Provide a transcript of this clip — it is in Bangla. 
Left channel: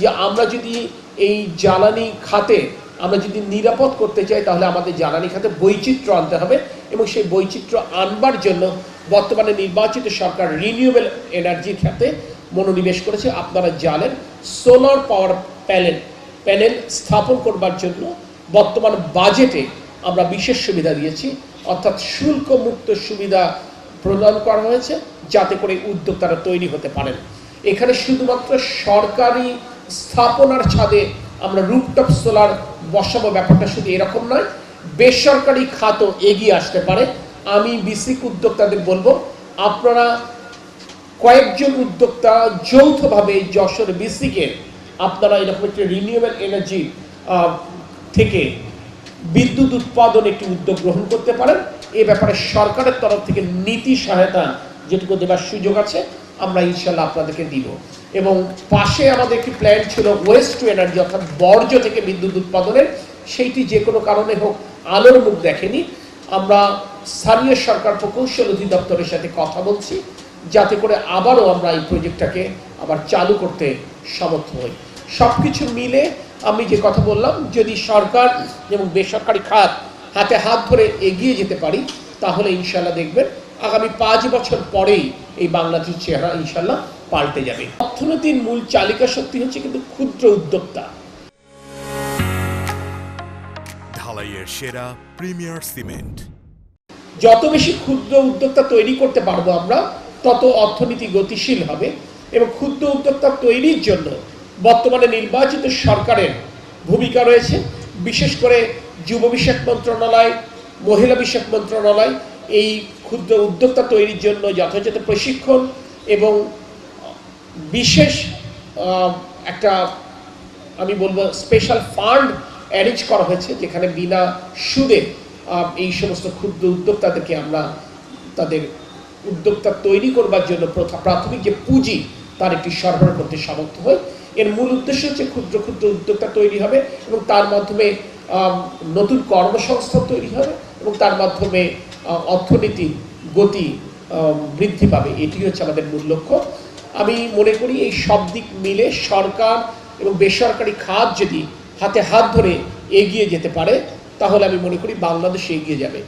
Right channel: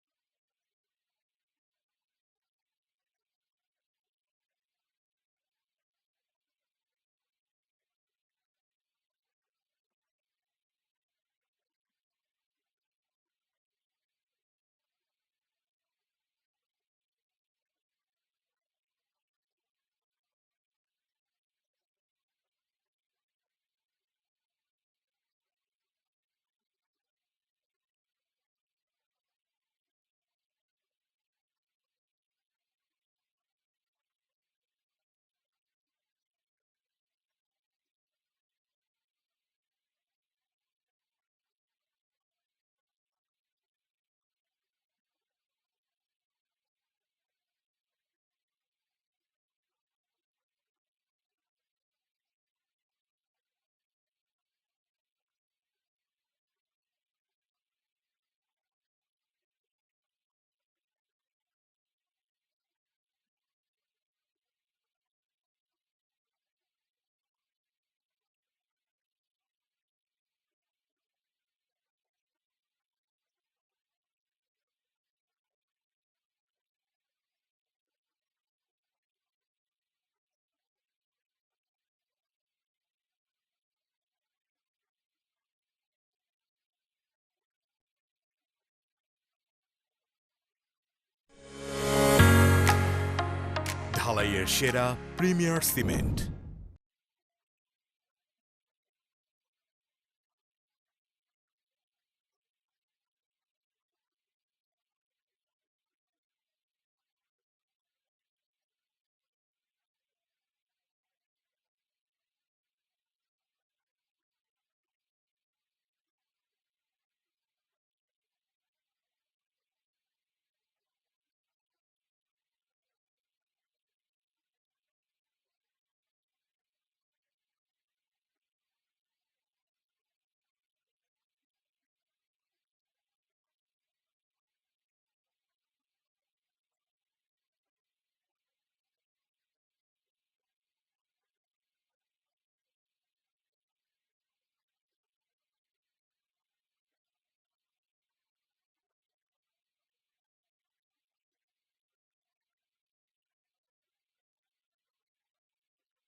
যে আমরা যদি এই জ্বালানি খাতে আমরা যদি নিরাপদ করতে চাই তাহলে আমাদের জ্বালানি খাতে বৈচিত্র্য আনতে হবে এবং সেই বৈচিত্র্য আনবার জন্য বর্তমানে নির্বাচিত সরকার রিনিউয়েবল এনার্জির খাতে মনোনিবেশ করেছে। আপনারা জানেন সোলার পাওয়ার প্যানেল স্থাপন করবার জন্য বর্তমান বাজেটে আমরা বিশেষ সুবিধা দিয়েছি, অর্থাৎ শুল্ক মুক্ত সুবিধা প্রদান করা হয়েছে যাতে করে উদ্যোক্তারা তৈরি হতে পারেন। এখানে শুধুমাত্র সরকারি স্থাপনার ছাদে আমরা রুফটপ সোলার বসাবো ব্যাপারটা শুধু এরকম নয়, বেসরকারি খাতও এগিয়ে আসতে পারে। আমি বিসিক উদ্যোক্তাদের বলবো আপনারা কয়েকজন উদ্যোক্তা যৌথভাবে যশোর বিসিকে আপনারা এরকম একটি রিনিউয়েবল এনার্জি থেকে বিদ্যুৎ উৎপাদন একটি উদ্যোগ গ্রহণ করতে পারেন। এ ব্যাপারে সরকারের তরফ থেকে নীতি সহায়তা যেটুকু দেবার সুযোগ আছে আমরা ইনশাল্লাহ আপনাদেরকে দিব। এবং পাশে আমাদের একটি প্ল্যান ছিল ওয়েস্ট টু এনার্জি, অর্থাৎ বর্জ্য থেকে বিদ্যুৎ উৎপাদনের, সেইটি যে কোনো কারণে হোক আলোর মুখ দেখেনি। আমরা স্থানীয় সরকার প্রকৌশল অধিদপ্তরের সাথে কথা বলছি যাতে করে আবারও আমরা এই প্রজেক্টটাকে আবার চালু করতে সমর্থ হই। সব কিছু মিলে আমি যে কথা বললাম, যদি সরকার এবং বেসরকারি খাত হাতে হাত ধরে এগিয়ে যেতে পারি তাহলে ইনশাল্লাহ দেখবেন আগামী 5 বছর পরেই এই বাংলাদেশের চেহারা ইনশাল্লাহ পাল্টে যাবে। অর্থনীতির মূল চালিকা শক্তি হচ্ছে কিন্তু ক্ষুদ্র উদ্যোক্তা। ঢালাইয়ের সেরা প্রিমিয়ার সিমেন্ট। যত বেশি ক্ষুদ্র উদ্যোক্তা তৈরি করতে পারবো আমরা তত অর্থনীতি গতিশীল হবে এবং ক্ষুদ্র উদ্যোক্তা তৈরির জন্য বর্তমানে নির্বাচিত সরকারের ভূমিকা রয়েছে। বিশেষ করে যুব বিষয়ক মন্ত্রণালয়, মহিলা বিষয়ক মন্ত্রণালয় এই ক্ষুদ্র উদ্যোক্তা তৈরির জন্য যথাযথ প্রশিক্ষণ এবং বিশেষ একটা আমি বলবো স্পেশাল ফান্ড অ্যারেঞ্জ করা হয়েছে যেখানে বিনা সুদে এই সমস্ত ক্ষুদ্র উদ্যোক্তাদেরকে আমরা তাদের উদ্যোক্তা তৈরি করবার জন্য প্রাথমিক যে পুঁজি তার একটি সরবরাহ করতে সমর্থ হয়। এর মূল উদ্দেশ্য হচ্ছে ক্ষুদ্র ক্ষুদ্র উদ্যোক্তা তৈরি হবে এবং তার মাধ্যমে নতুন কর্মসংস্থান তৈরি হবে এবং তার মাধ্যমে অর্থনীতি গতি বৃদ্ধি পাবে। এটি হচ্ছে আমাদের মূল লক্ষ্য। আমি মনে করি এই সব দিক মিলে সরকার এবং বেসরকারি খাত যদি হাতে হাত ধরে এগিয়ে যেতে পারে তাহলে আমি মনে করি বাংলাদেশ এগিয়ে যাবে।